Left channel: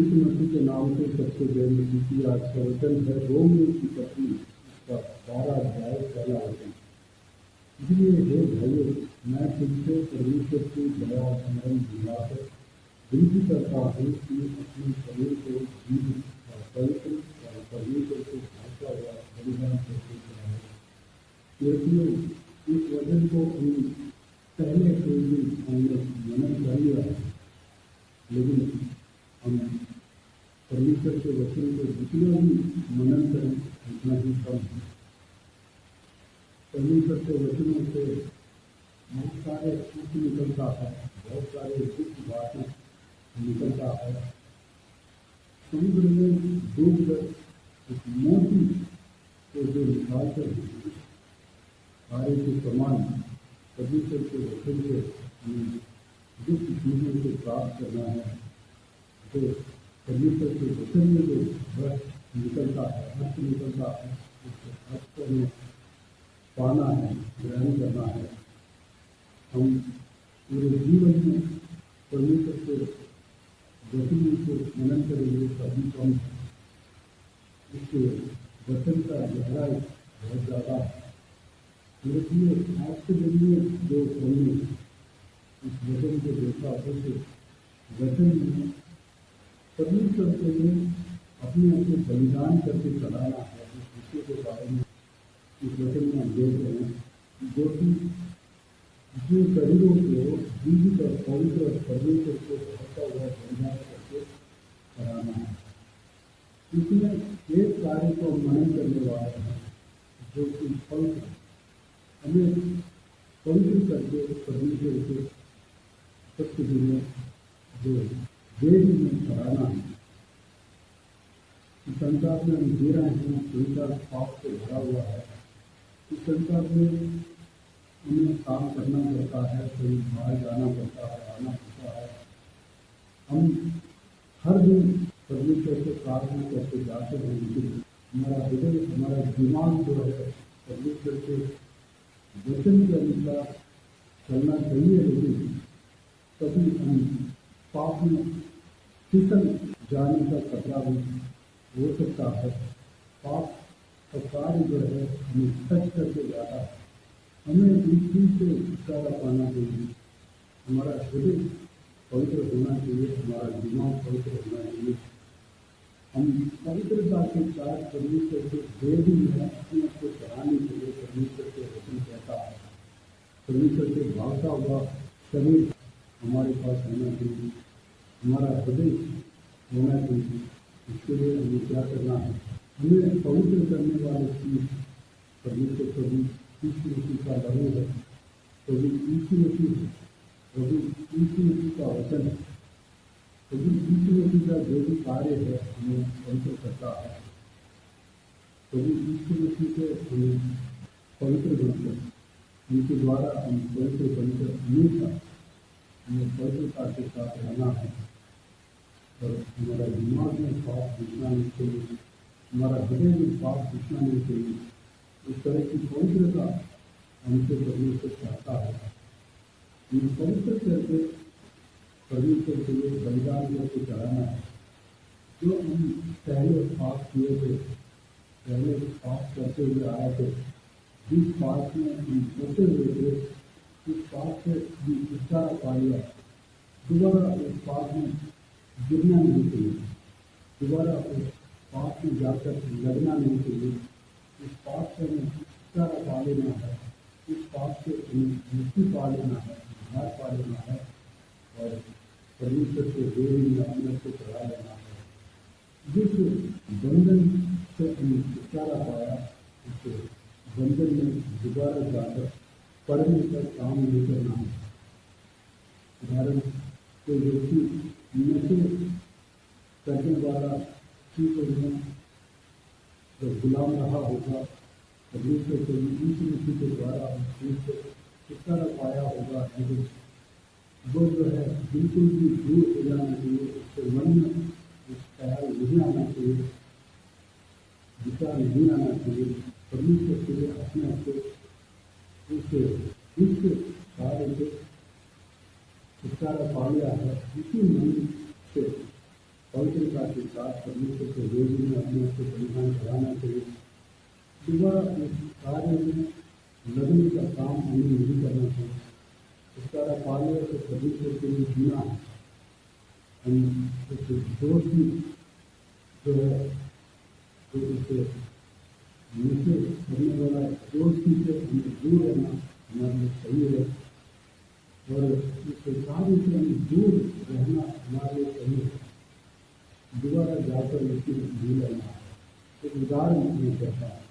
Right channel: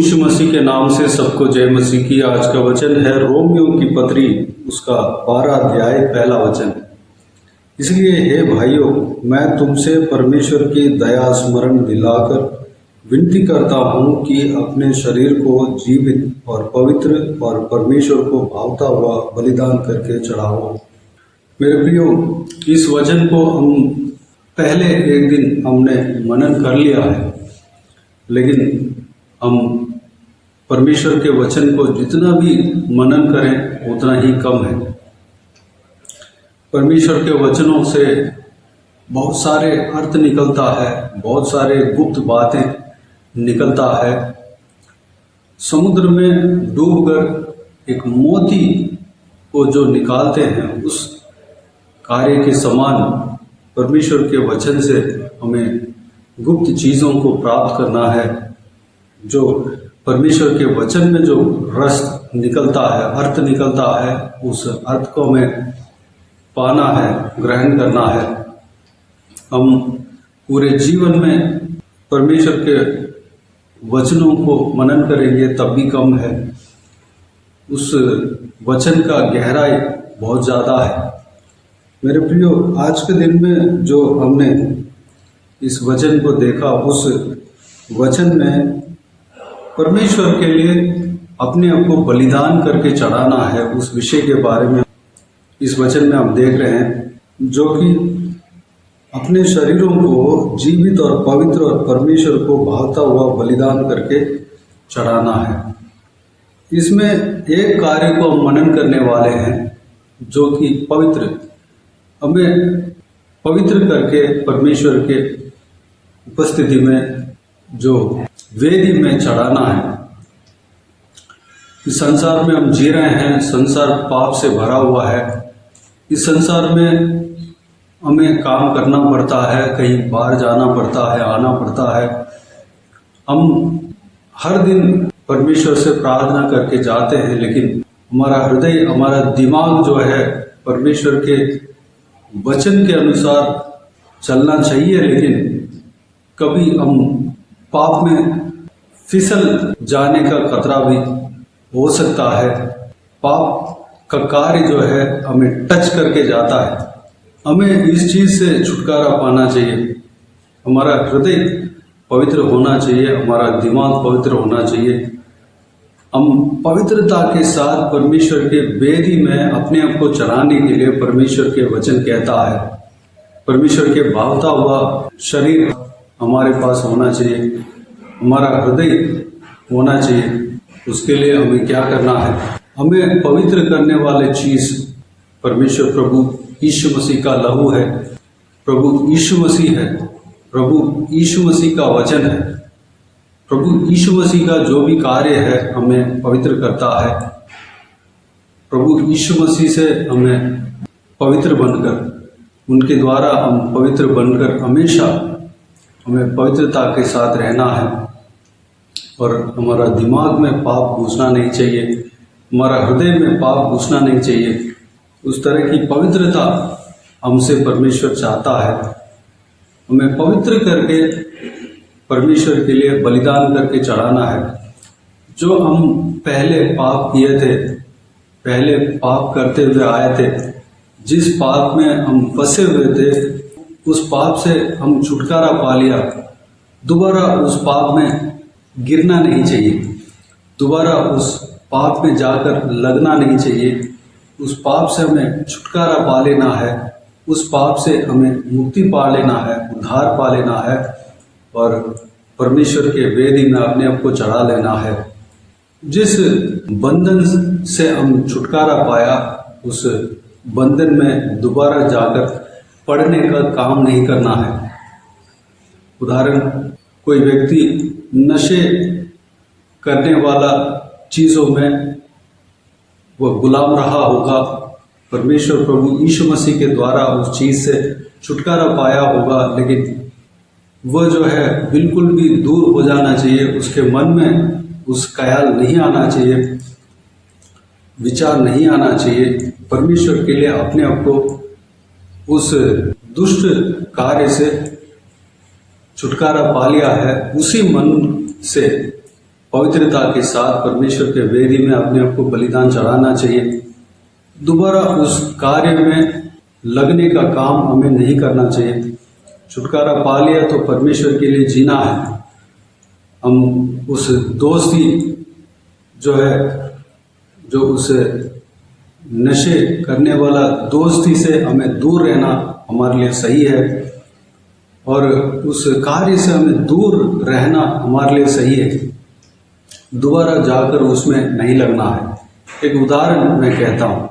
यीशु मसीह के नाम से सबको जय मसीह की। आज का वचन है रोमियो की पत्री, उसका 12 अध्याय पहला वचन। इसलिए हे भाइयों, मैं तुमसे परमेश्वर की दया स्मरण दिलाकर विनती करता हूँ कि अपने शरीर को जीवित और पवित्र और परमेश्वर को भावता हुआ बलिदान करके चढ़ाओ। मेरे प्रियो, इस वचन को हम पहले एक दिन हमने मनन कर लिया है, लेकिन हम परमेश्वर के वचन को जितना भी मनन करें उतना ही कम है। परमेश्वर के वचनों से बहुत सारे अर्थ निकलता है, बहुत सारे गुप्त बातें निकलता है। समुद्र में डूबकर एक मोती को जो निकालते हैं, उस कार्य के समान परमेश्वर के वचन से हमें गुप्त चीज़ों को प्राप्त करना है। जो परमेश्वर के वचन में जो रस निकलता है, अर्थ निकलता है, उस अर्थ को हमें पाना है, ग्रहण करना है। हम पूरे जीवन में परमेश्वर के वचनों को मनन करेंगे तब भी कम है। उस वचन का गहराई बहुत ज़्यादा है। मेरे प्रियो, आज के दिन में जो हमने इस वचन को देखा, उस वचन में परमेश्वर के लिए अपने आप को बलिदान करके चढ़ाना है, उस विषय के बारे में इस वचन में हम देख रहे हैं, जो कि अपने शरीरों को जीवित और पवित्र और परमेश्वर को भावता हुआ बलिदान करके चढ़ाना है। इसमें एक कार्य को हम मनन करने वाले हैं, जो कि पवित्र, हमें पवित्र करके परमेश्वर के उपस्थिति में जो वेदी में चढ़ाना है। इस संसार में हम जी रहे हैं, संसार पाप से भरा हुआ है। इस संसार में हमें काम करना पड़ता है, कहीं बाहर जाना पड़ता है, आना पड़ता है। हम हर दिन परमेश्वर से प्रार्थना करके जाते हैं, लेकिन हमारा हृदय, हमारा दिमाग जो है परमेश्वर के वचन के अनुसार चलना चाहिए, लेकिन कभी हम पाप में फिसल जाने का खतरा भी हो सकता है। पाप का कार्य जो है हमें टच करके जाता है। हमें इस चीज़ से छुटकारा पाना चाहिए। हमारा हृदय पवित्र होना चाहिए, हमारा दिमाग पवित्र होना चाहिए। हम पवित्रता के साथ परमेश्वर के वेदी में अपने आप को चढ़ाने के लिए परमेश्वर के वचन कहता है, परमेश्वर के भावता हुआ शरीर हमारे पास होना चाहिए, हमारा हृदय होना चाहिए। उसके लिए हमें क्या करना है? हमें पवित्र करने वाले चीज़ परमेश्वर प्रभु यीशु मसीह का लहू है, प्रभु यीशु मसीह है, प्रभु यीशु मसीह का वचन है। प्रभु यीशु मसीह का जो भी कार्य है हमें पवित्र करता है। प्रभु यीशु मसीह से हमें पवित्र बनकर, उनके द्वारा हम पवित्र बनकर हमेशा हमें पवित्रता के साथ रहना है। और हमारा दिमाग में पाप घुसना नहीं चाहिए, हमारा हृदय में पाप घुसना नहीं चाहिए। उस तरह की पवित्रता हमसे परमेश्वर चाहता है। हमें पवित्र करके परमेश्वर के लिए बलिदान करके चढ़ाना है। जो हम पहले पाप किए थे, पहले पाप करते हुए आए थे, जिस पाप में हम फंसे हुए थे, उस पाप से हम छुटकारा पा लिया। दोबारा उस पाप में गिरना नहीं चाहिए, दोबारा उस पाप में जाकर लगना नहीं चाहिए। उस पाप से हमें छुटकारा पा लेना है, उस पाप से हमें मुक्ति पा लेना है, उद्धार पा लेना है और परमेश्वर के वेदी में अपने आप को चढ़ा लेना है। जिस बंधन से हम छुटकारा पाया, उस बंधन में दोबारा जाकर पढ़ने का काम नहीं करना है। उदाहरण, कोई व्यक्ति नशे करने वाला चीज़ों में वह गुलाम रहा होगा, परमेश्वर प्रभु यीशु मसीह के द्वारा उस चीज़ से छुटकारा पाया होगा, लेकिन वह जो है बिल्कुल भी दूर हो जाना चाहिए। उसके मन में उस ख्याल नहीं आना चाहिए, विचार नहीं आना चाहिए। परमेश्वर के लिए अपने आप को उस दुष्ट कार्य से छुटकारा पा लिया है, उसी मन से पवित्रता के साथ परमेश्वर के वेदी में अपने आप को बलिदान चढ़ाना चाहिए। दोबारा उस कार्य में लगने का काम हमें नहीं करना चाहिए। छुटकारा पा लिया तो परमेश्वर के लिए जीना है। हम उस दोस्ती जो उस नशे करने वाला दोस्ती से हमें दूर रहना हमारे लिए सही है, और उस कार्य से हमें दूर रहना हमारे लिए सही है। दोबारा जाकर उसमें नहीं लगना है। एक उदाहरण मैं कहता हूँ,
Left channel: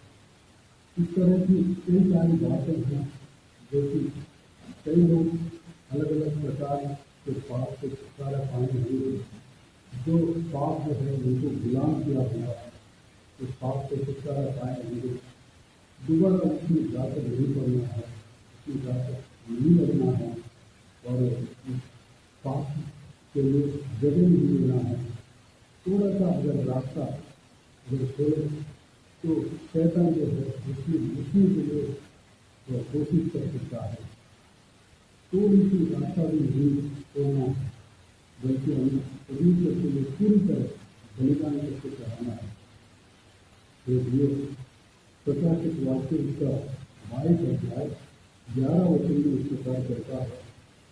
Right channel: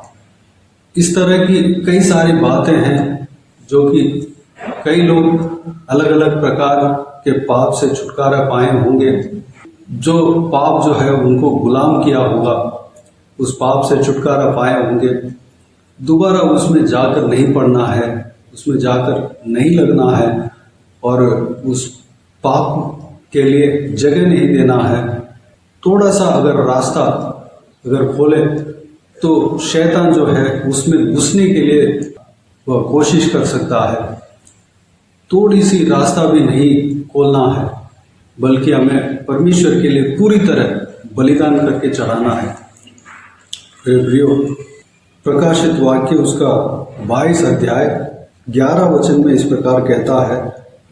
इस तरह की कई सारी बातें हैं जो कि कई लोग अलग अलग प्रकार के पाप से छुटकारा पाए होंगे। जो पाप है उनको गुलाम किया होगा, उस पाप से छुटकारा पाए होंगे। दोबारा उसमें जाकर नहीं पड़ना है, उसमें जाकर नहीं लगना है, और उस पाप के लिए जगह नहीं देना है। थोड़ा सा अगर रास्ता खोले तो शैतान उसमें घुसने के लिए वह कोशिश कर सकता है। थोड़ी सी रास्ता भी नहीं खोलना है, बल्कि हमें परमेश्वर के लिए पूरी तरह बलिदान करके चढ़ाना है। मेरे प्रियो, प्रकाशित वाक्य उसका 22 अध्याय 11 वचन में इस प्रकार कहता है,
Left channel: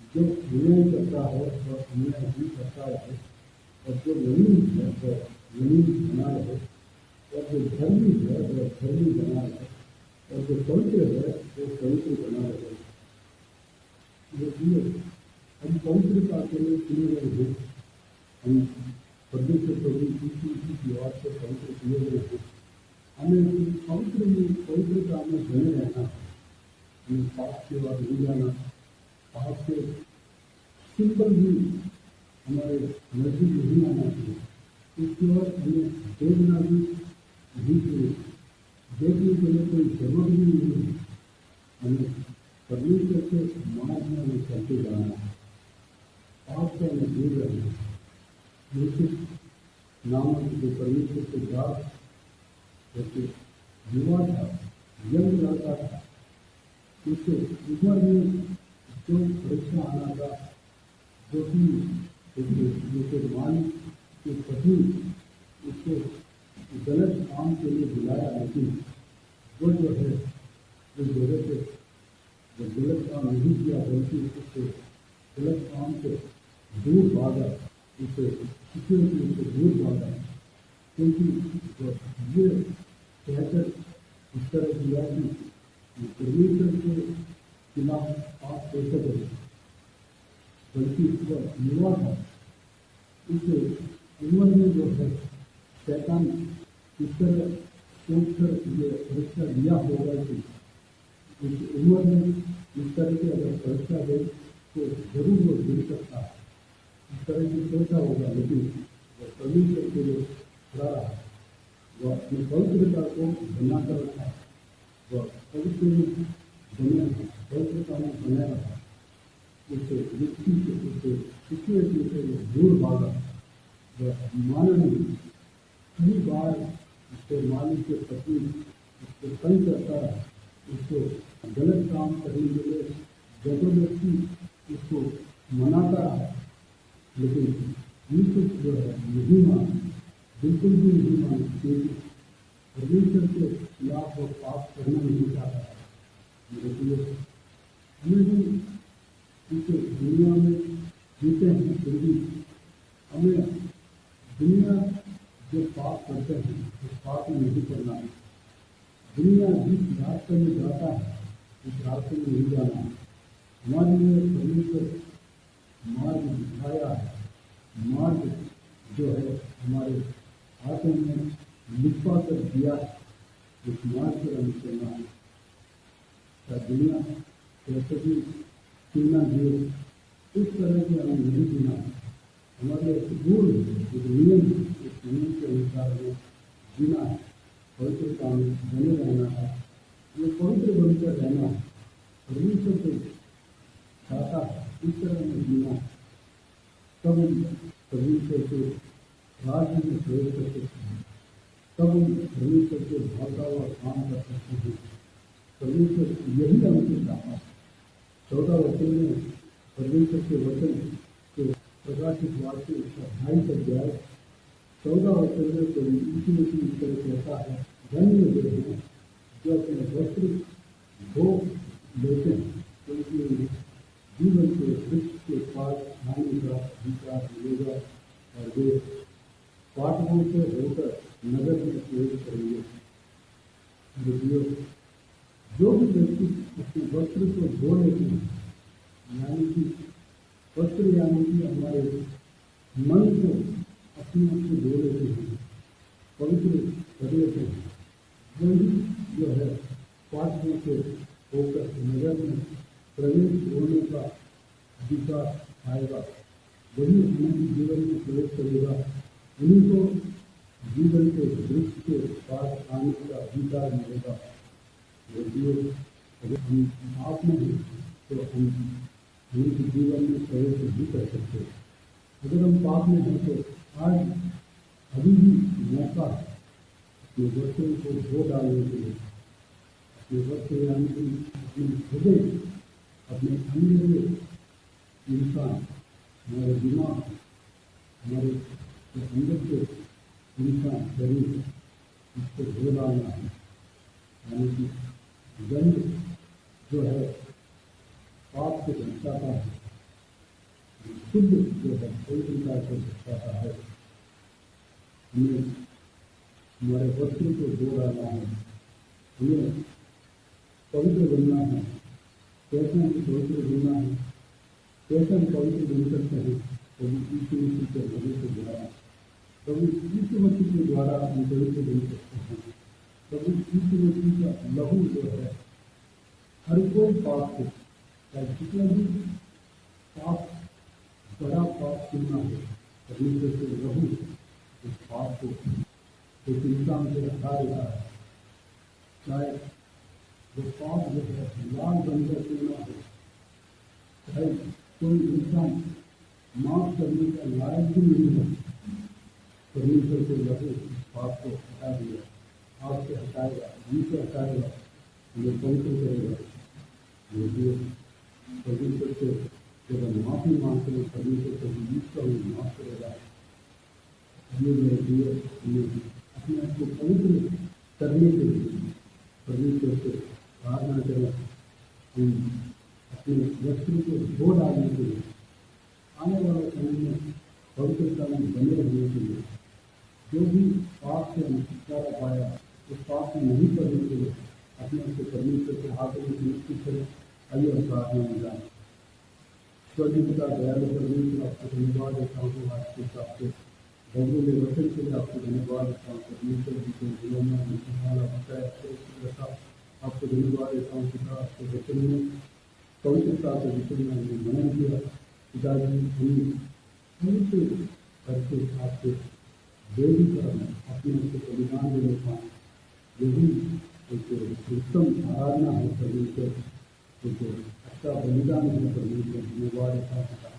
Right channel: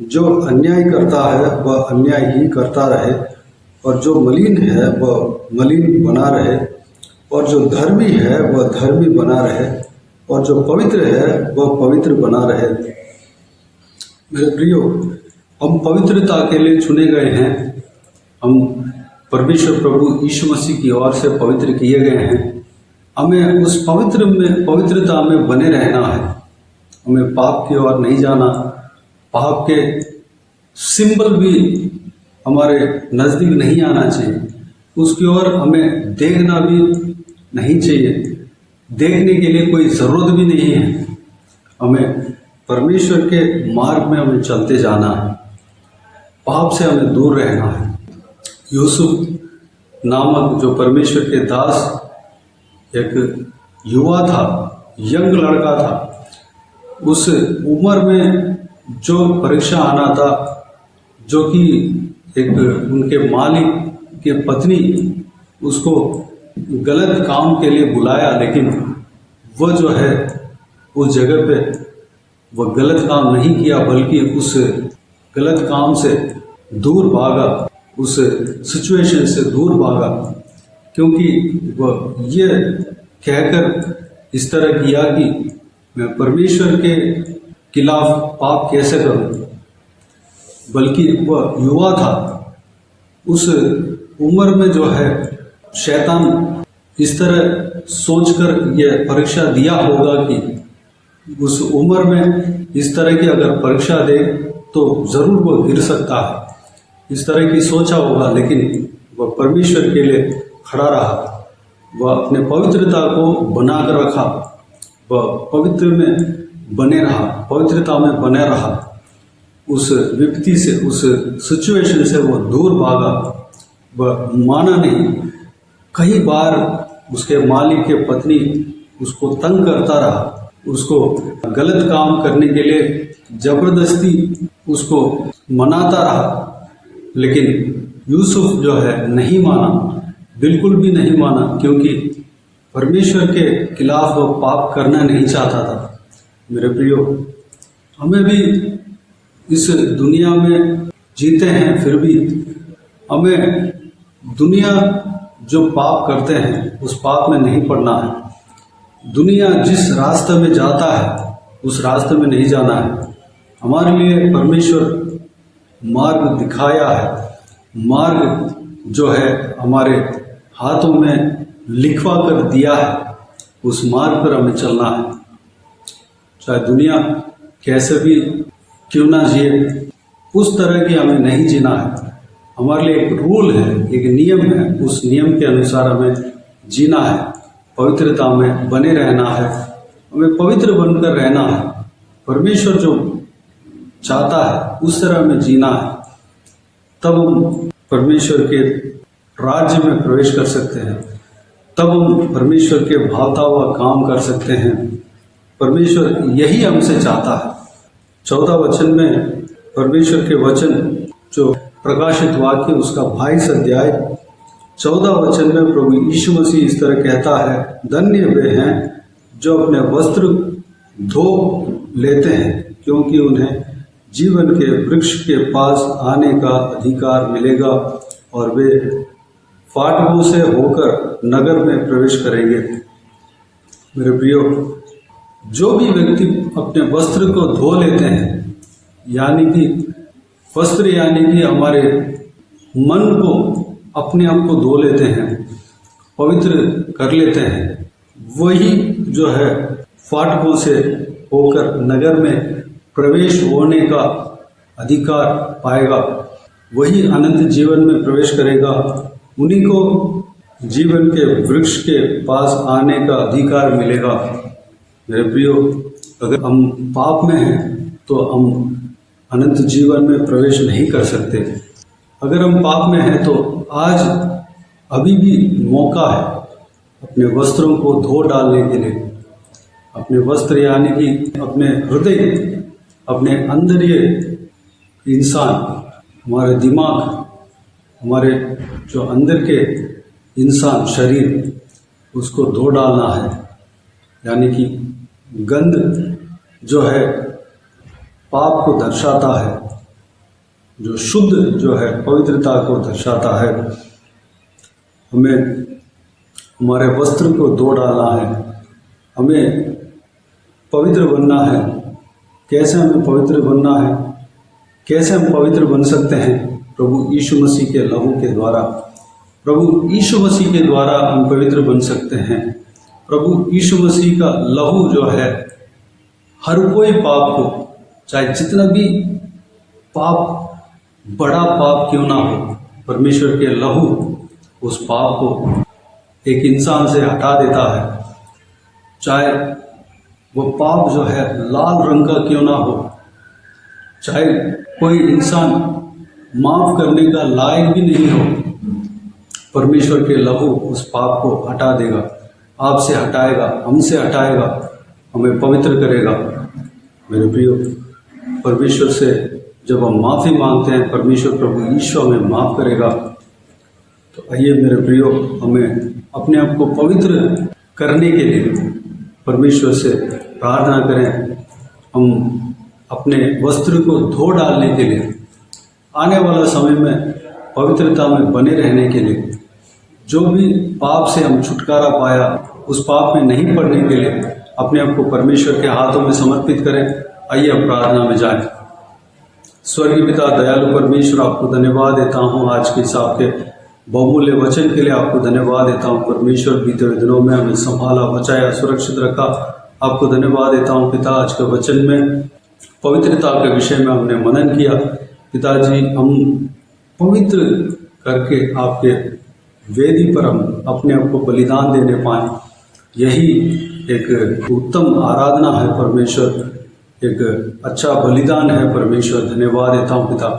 जो अन्याय करता है वह अन्याय ही करता रहे, और जो मलिन है वह मलिन बना रहे, और जो धर्मी है वह धर्मी बना रहे, और जो पवित्र है वह पवित्र बना रहे। मेरे प्रियो, हम पवित्रता के लिए चुने गए हैं। हम परमेश्वर प्रभु यीशु मसीह की ओर से पवित्र किए गए हैं। हमें उस पवित्रता में बने रहना है। हमें पाप की ओर नहीं जाना। पाप के सिंबल भी हमारे नज़दीक नहीं आना चाहिए। उसकी ओर हमें देखना भी नहीं चाहिए। देखने के लिए कोई ज़रूरत भी नहीं है। हमें परमेश्वर के मार्ग में हमें चलते जाना है। पाप से हमें दूर रहना है। यूसुफ नामक जो परमेश्वर के दास एक युवा था, यंग लड़का था, उस उम्र में जो परीक्षा आना था, जो कि एक उनके मालिक के पत्नी उसको गलत काम के लिए बुलाया, लेकिन वह उस जगह पे वह गलत काम नहीं किया, बल्कि उस गलत काम से दूर भागा, उस सिचुएशन से दूर भागा, क्योंकि वह ये कहकर इस तरह किया कि मैं परमेश्वर के खिलाफ पाप कैसे करूं। बल्कि वह युवा था। उस उम्र में शैतान इस तरह सोचकर यह परीक्षा दिया होगा कि उस उम्र में इस तरह की अगर परीक्षा दे तो ज़रूर वह गिर सकता है। इस तरह की सोचा होगा, लेकिन वह परमेश्वर के लिए खड़ा रहा। वह अपने पवित्रता को बना कर रखा। वह पवित्र में बने रहा, पवित्रता में बने रहा। उस विपत्ति से, उस सिचुएशन से वो दूर भागा। वह माना नहीं। कई बार उसके मालिक के पत्नी उसको तंग करता रहा, उसको गलत काम करने के लिए जबरदस्ती उसको मनाता रहा, लेकिन यूसुफ नहीं माना, बिल्कुल भी नहीं माना, क्योंकि परमेश्वर के खिलाफ वह पाप करना नहीं चाहता था। मेरे प्रियो, हमें भी इस दुनिया में जीते हैं, फिर भी हमें दुनिया जो पाप करते हैं उस पाप में नहीं पड़ना है। दुनिया जिस रास्ते में जाता है उस रास्ते में नहीं जाना है। हमारे लिए परमेश्वर मार्ग दिखाया है। मार्ग हमारे हाथों में लिखवा कर दिया है। उस मार्ग पर हमें चलना है। चाहे दुनिया कैसे भी क्यों ना जिए, उस तरह की हमें नहीं जीना है। हमारे लिए एक रूल है, एक नियम है। उस नियम के अनुसार हमें जीना है, पवित्रता में बने रहना है, हमें पवित्र बनकर रहना है। परमेश्वर जो चाहता है उस तरह हमें जीना है। तब हम परमेश्वर के राज्य में प्रवेश कर सकते हैं। तब हम परमेश्वर के भावता हुआ काम कर सकते हैं। परमेश्वर यही हमसे चाहता है। 14 वचन में परमेश्वर के वचन जो प्रकाशित वाक्य उसका 22 अध्याय 14 वचन में प्रभु यीशु मसीह इस तरह कहता है, धन्य वे हैं जो अपने वस्त्र धो लेते हैं, क्योंकि उन्हें जीवन के वृक्ष के पास आने का अधिकार मिलेगा और वे फाटकों से होकर नगर में प्रवेश करेंगे। मेरे प्रियो, जो भी व्यक्ति अपने वस्त्र को धो लेते हैं, यानी कि वस्त्र यानी कि हमारे मन को, अपने आप को धो लेते हैं, पवित्र कर लेते हैं, वही जो है फाटकों से होकर नगर में प्रवेश होने का अधिकार पाएगा, वही अनंत जीवन में प्रवेश करेगा। उन्हीं को जीवन के वृक्ष के पास आने का अधिकार मिलेगा। मेरे प्रियो, अगर हम पाप में हैं तो हम अनंत जीवन में प्रवेश नहीं कर सकते। अगर हम पाप में हैं तो आज अभी भी मौका है अपने वस्त्रों को धो डालने के लिए। अपने वस्त्र यानी कि अपने हृदय, अपने अंदर ये इंसान, हमारे दिमाग, हमारे जो अंदर के इंसान शरीर, उसको धो डालना है। यानी कि गंध जो है पाप को दर्शाता है, जो शुद्ध जो है पवित्रता को दर्शाता है। हमें हमारे वस्त्र को धो डालना है, हमें पवित्र बनना है। कैसे हमें पवित्र बनना है, कैसे हम पवित्र बन सकते हैं? प्रभु यीशु मसीह के लहू के द्वारा। प्रभु यीशु मसीह के द्वारा हम पवित्र बन सकते हैं। प्रभु यीशु मसीह का लहू जो है हर कोई पाप को, चाहे जितना भी पाप, बड़ा पाप क्यों ना हो, परमेश्वर के लहू उस पाप को एक इंसान से हटा देता है। चाहे वो पाप जो है लाल रंग का क्यों ना हो, चाहे कोई इंसान माफ करने का लायक भी नहीं हो, परमेश्वर के लहू उस पाप को हटा देगा, आपसे हटाएगा, हमसे हटाएगा, हमें पवित्र करेगा। मेरे प्रियो, परमेश्वर से जब हम माफ़ी मांगते हैं, परमेश्वर प्रभु यीशु हमें माफ़ करेगा। तो आइए मेरे प्रियो, हमें अपने आप को पवित्र करने के लिए परमेश्वर से प्रार्थना करें। हम अपने वस्त्र को धो डालने के लिए, आने वाला समय में पवित्रता में बने रहने के लिए, जो भी पाप से हम छुटकारा पाया उस पाप में नहीं पड़ने के लिए अपने आप को परमेश्वर के हाथों में समर्पित करें। आइए अब प्रार्थना में जाएं। स्वर्गीय पिता, दयालु परमेश्वर, आपको धन्यवाद देता हूँ आज के हिसाब के बहुमूल्य वचन के लिए। आपको धन्यवाद देता हूँ परमेश्वर, बीते हुए दिनों में हमें संभाला, बचाया, सुरक्षित रखा। आपको धन्यवाद देता हूँ पिता, आज के वचन में पवित्रता के विषय में हमने मनन किया। पिताजी, हम पवित्र करके आपके वेदी पर हम अपने आप को बलिदान देने पाएँ, यही एक उत्तम आराधना है परमेश्वर, एक अच्छा बलिदान है परमेश्वर। धन्यवाद देता हूँ पिता,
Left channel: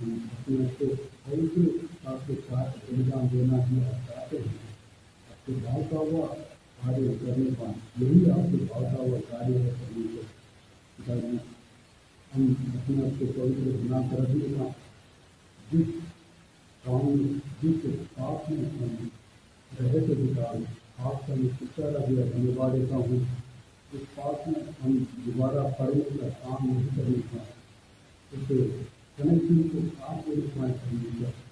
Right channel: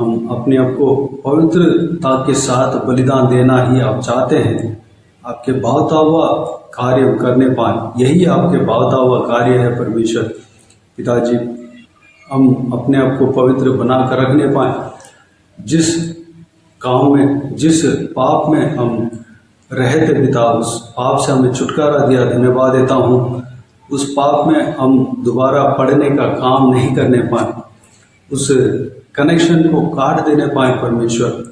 हम अपने आप को पवित्रता के साथ बलिदान देना ही आप चाहते हैं। आपके भावता हुआ कार्य करने पाएँ, यही आपके भावता हुआ कार्य है परमेश्वर। पिताजी, हम अपने आप को पवित्र बना कर रखने पाएँ। जिस काम में, जिस पाप में हम रहते पिता, उस पाप से हमें छुटकारा दिया। धन्यवाद देता हूँ। उस पाप में हम दोबारा पढ़ने का काम नहीं करने पाए, उस कनेक्शन को काट देने पाए परमेश्वर।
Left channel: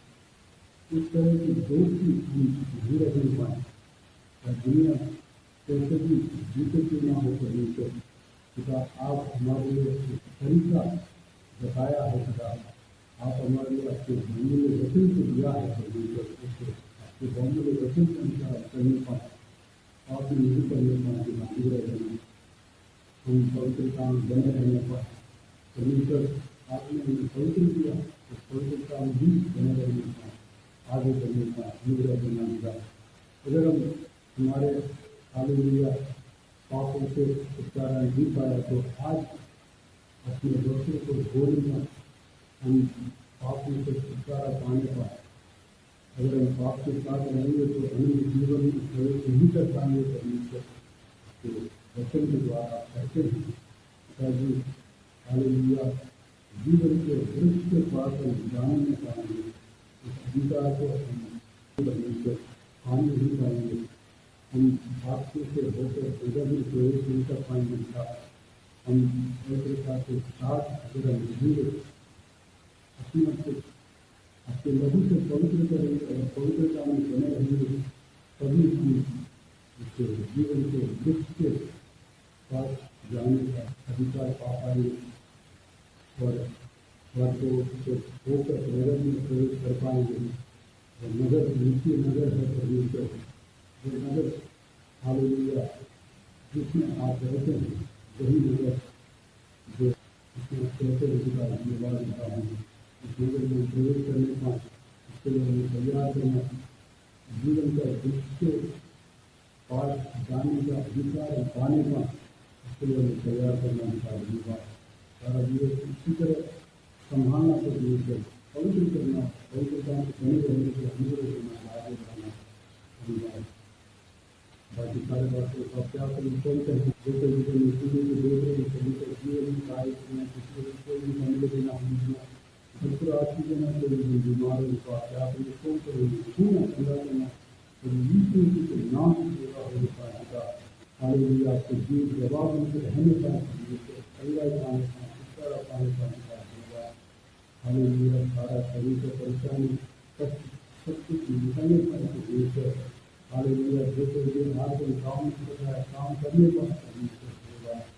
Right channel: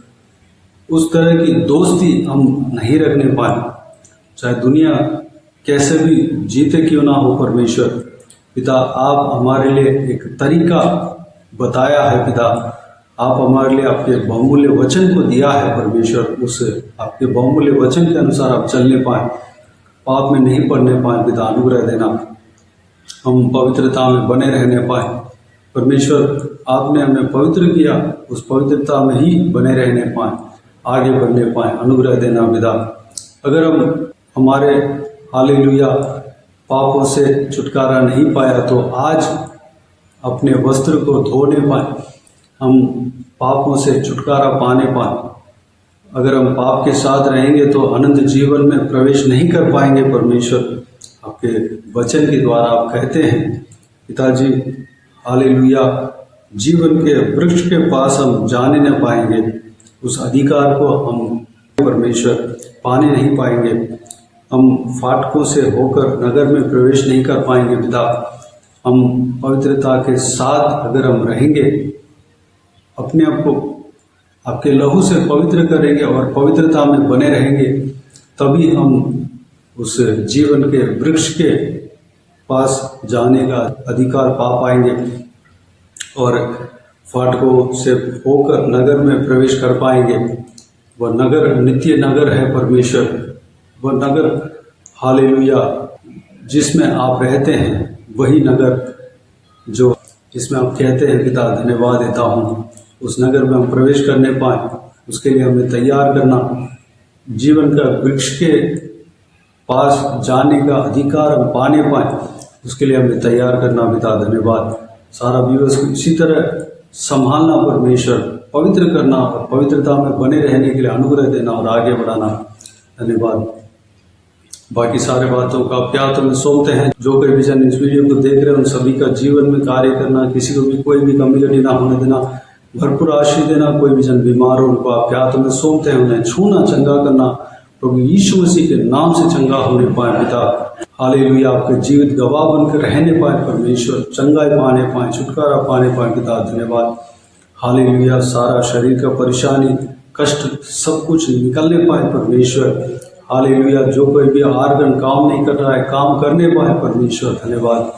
उस तरह की दोस्ती हम नहीं रखने पाए, चाहे दुनिया कैसे भी जीते क्यों ना हो परमेश्वर। पिता, आप हमारे लिए एक तरीका बताया है पिता, आप हमारे लिए आपके बहुमूल्य वचन को दिया है परमेश्वर। उस आपके बहुमूल्य वचन के अनुसार आप चलने पाए, पाप में नहीं पड़ने पाए पिता, अनुग्रह देना, हम पवित्रता में बने रहने पाए परमेश्वर। आपने हमें पवित्र किया, उस पवित्रता में ही बने रहने पाए, आगे बढ़ने पाए, अनुग्रह देना पिता। अगर हम हमारे हालेलुया पापों से छुटकारा नहीं पाया तो आज अपने वस्त्र को धोने पाए, हम पापों से छुटकारा पाने पाए। अगर हम पाप के साथ रहेंगे तो अनंत जीवन में प्रवेश नहीं कर पाएंगे परमेश्वर। आपके वचन के द्वारा आप कहते हैं पिताजी, हालेलुया, जीवन के वृक्ष के पास हम जाने न पाएंगे, उस अधिकार को हम परमेश्वर पाने नहीं पाएंगे। हम फाटकों से होकर नगर में प्रवेश नहीं कर पाएंगे पिता। हम पवित्रता के साथ अगर हम रहेंगे, अपने आप को आपके लहू से पवित्र करेंगे और पवित्रता में बने रहेंगे, तभी हम उस जीवन के वृक्ष के पास जाने का अधिकार पा पाएंगे और फाटकों से होकर नगर में प्रवेश कर पाएंगे। वह नगर नित्य नगर है परमेश्वर, वह नगर हालेलुया जिसमें आप रहते हैं, वही नगर जो जिसमें आप कहते हैं पिता धन्यवाद देता हूँ, उस नगर में हम प्रवेश करने पाएँ, उसके लिए हमें तैयार करना, जीवन का वृक्ष के पास जाने का अधिकार हम पाने पाएँ, उसके लिए हमें तैयार करना पिता धन्यवाद। सारा दिवस को इसी तरह संभालना परमेश्वर, पवित्र करना और पवित्रता में बने रहने के लिए अनुग्रह देना और आगे बढ़ाना, धन्यवाद। बाकी सारे बातों का आप क्या तुम्हें सौंपते हैं। जो कोई भी जन इस वीडियो को देख रहे हैं उन सभी का जीवन में कार्य करना, किसी को भी कोई भी कमी घटी ना होने देना, भरपूर आशीष देना। कोई भी जन बीमार हो उनको आप क्या तुम्हें सौंपते हैं, उन्हें छूना, चंगा करना, प्रभु यीशु मसीह के नाम से चंगा होने पाए पिता। हालेलुया आपके जीवित गवाह बनकर रहने पाए परमेश्वर, चंगाई पाने पाए, छुटकारा पाने पाए पिता धन्यवाद। हालेलुया सारा शरीर का परेशानी, कष्ट सब कुछ निकलने पाए परमेश्वर। हालेलुया जो कोई भी आर्गन काम नहीं कर रहा है, काम करने पाए परमेश्वर धन्यवाद।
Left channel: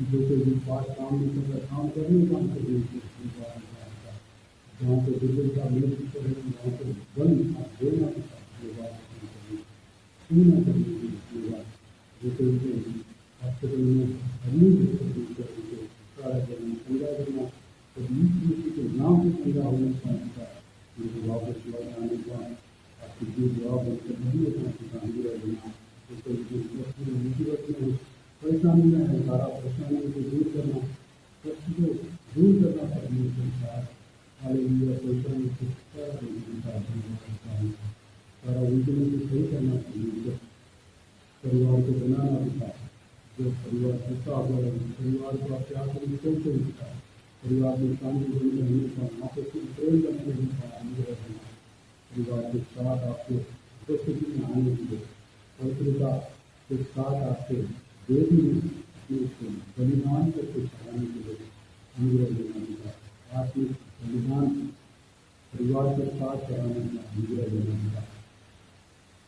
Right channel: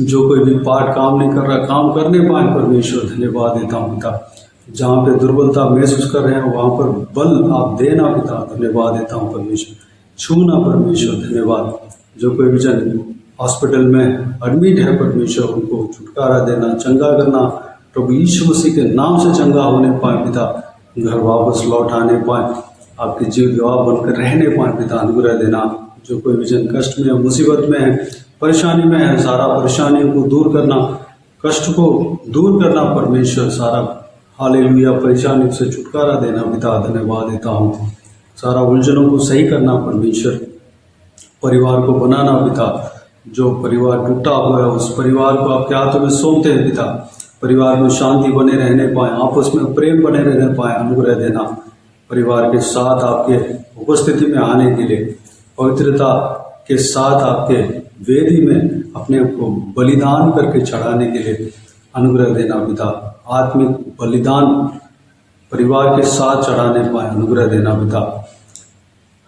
जो कोई भी पार्ट काम नहीं कर रहा, काम करने पाए परमेश्वर धन्यवाद देता हूँ पिता। जहाँ पे दुर्बलता महसूस कर रहे हैं वहाँ पर बल आप देना पिता धन्यवाद देता हूँ परमेश्वर। छूना परमेश्वर धन्यवाद। जो कोई भी जन हॉस्पिटल में एडमिट है परमेश्वर, उनको छुटकारा देना, चंगा करना, प्रभु यीशु मसीह के नाम से चंगा होने पाए पिता। घर वापस लौट आने पाए, आपके जीव गवाह बनकर रहने पाए पिता अनुग्रह देना। जो कोई भी जन कष्ट में है, मुसीबत में है, परेशानी में है, सारा परेशानियों को दूर करना, कष्ट को दूर करना परमेश्वर। सारा हालेलुया परेशानी से छुटकारा देना पिता धन्यवाद देता हूँ। सारा उलझनों को सही करना परमेश्वर, परिवार को बनाना पिता। जो परिवार टूटा हुआ है उस परिवार को आप क्या तुम्हें सौंपते हैं पिता। परिवार में शांति बने रहने पाए, आपस में प्रेम बने रहने पाए, अनुग्रह देना। परिवार के साथ आपके उपस्थिति में आने के लिए, पवित्रता के साथ आपके वेदी में अपने को बलिदान करके चढ़ाने के लिए अनुग्रह देना पिता। आत्मिक बलिदान परिवार के साथ चढ़ाने पाए, अनुग्रह देना पिता।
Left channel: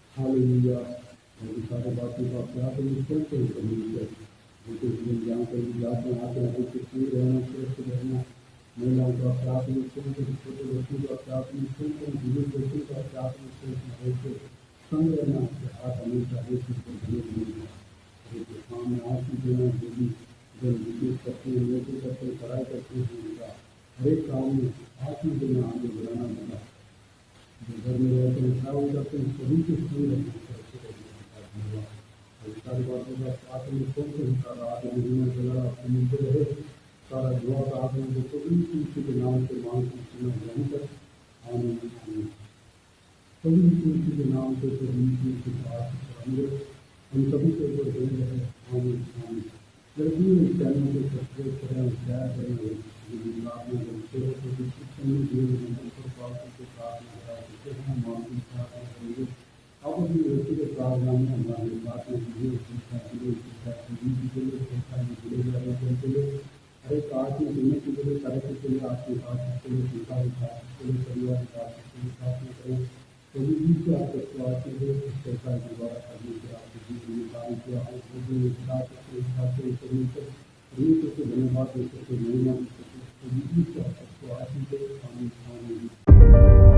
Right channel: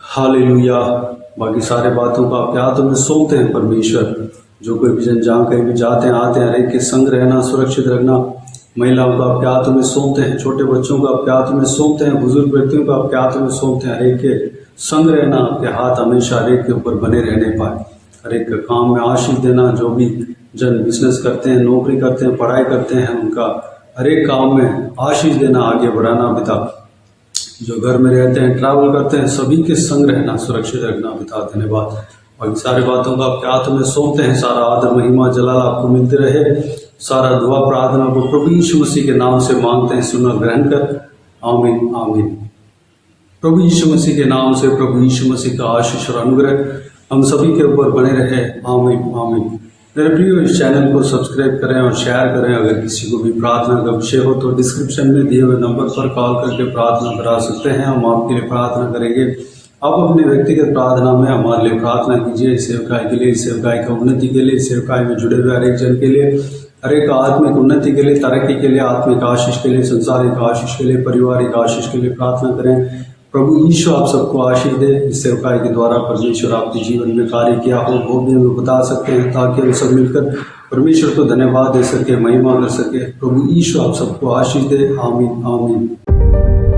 हालेलुया बाकी सारे बातों का आप क्या तुम्हें सौंपते हैं परमेश्वर। जो कोई भी जन जहाँ कहीं भी जाते हैं आते हैं, हर एक के संग रहना, सुरक्षित रखना। महिलाओं का आप क्या तुम्हें सौंपते हैं, छोटे बच्चों का आप क्या तुम्हें सौंपते हैं, बुजुर्ग व्यक्तियों का आप क्या तुम्हें सौंपते हैं। हर एक के संग रहना, आपके हाथ हमेशा हर एक के ऊपर बने रहने पाए। हर एक काम में आशीष देना। जो भी जन बिजनेस करते हैं, नौकरी करते हैं, पढ़ाई करते हैं, उनका हर एक काम में आशीष देना, आगे बढ़ाना पिता। जो घर में रहते हैं, ट्रैवल करते हैं, सभी के संग रहना, सुरक्षित रखना पिता धन्यवाद। और सारी बातों का आप क्या तुम्हें सौंपते हैं। सारा आदर महिमा जलाल आपको मिलते रहे। सारा दुआ प्रार्थना को प्रभु यीशु मसीह के नाम से मांगते हैं, सुना ग्रहण कर, आमीन आमीन। प्रभु यीशु मसीह के नाम से प्रभु यीशु मसीह का आशीष और अनुग्रह हम सभी के ऊपर बने रहे, आमीन आमीन। मेरे प्रियो इस चैनल को सब्सक्राइब करें और शेयर करें। अगर किसी को भी प्रार्थना का विषय हो तो डिस्क्रिप्शन में दिए हुए नंबर पर कॉल करके प्रार्थना करा सकते हैं, हम आपके लिए प्रार्थना करेंगे। आप अपने व्यक्तिगत प्रार्थना में हमारे लिए प्रार्थना कीजिए, सेवकाई के लिए, सेवकाई का उन्नति के लिए, सेवकाई में जुड़े हुए हर एक जन के लिए, हर एक आत्मिक उन्नति के लिए, तरक्की के लिए, आत्मिक आशीष के लिए, संसारिक आशीष के लिए, पारिवारिक आशीष के लिए प्रार्थना करें। प्रभु यीशु आप सबको आशीष दे। इस सेवकाई के द्वारा परमेश्वर आपके जीवन में कार्य किया हो वो भी हमें बता सकते हैं, ताकि हम सब मिलकर परमेश्वर को धन्यवाद दे सके, महिमा कर सके। प्रभु यीशु आप सबको आशीष दे, आमीन आमीन।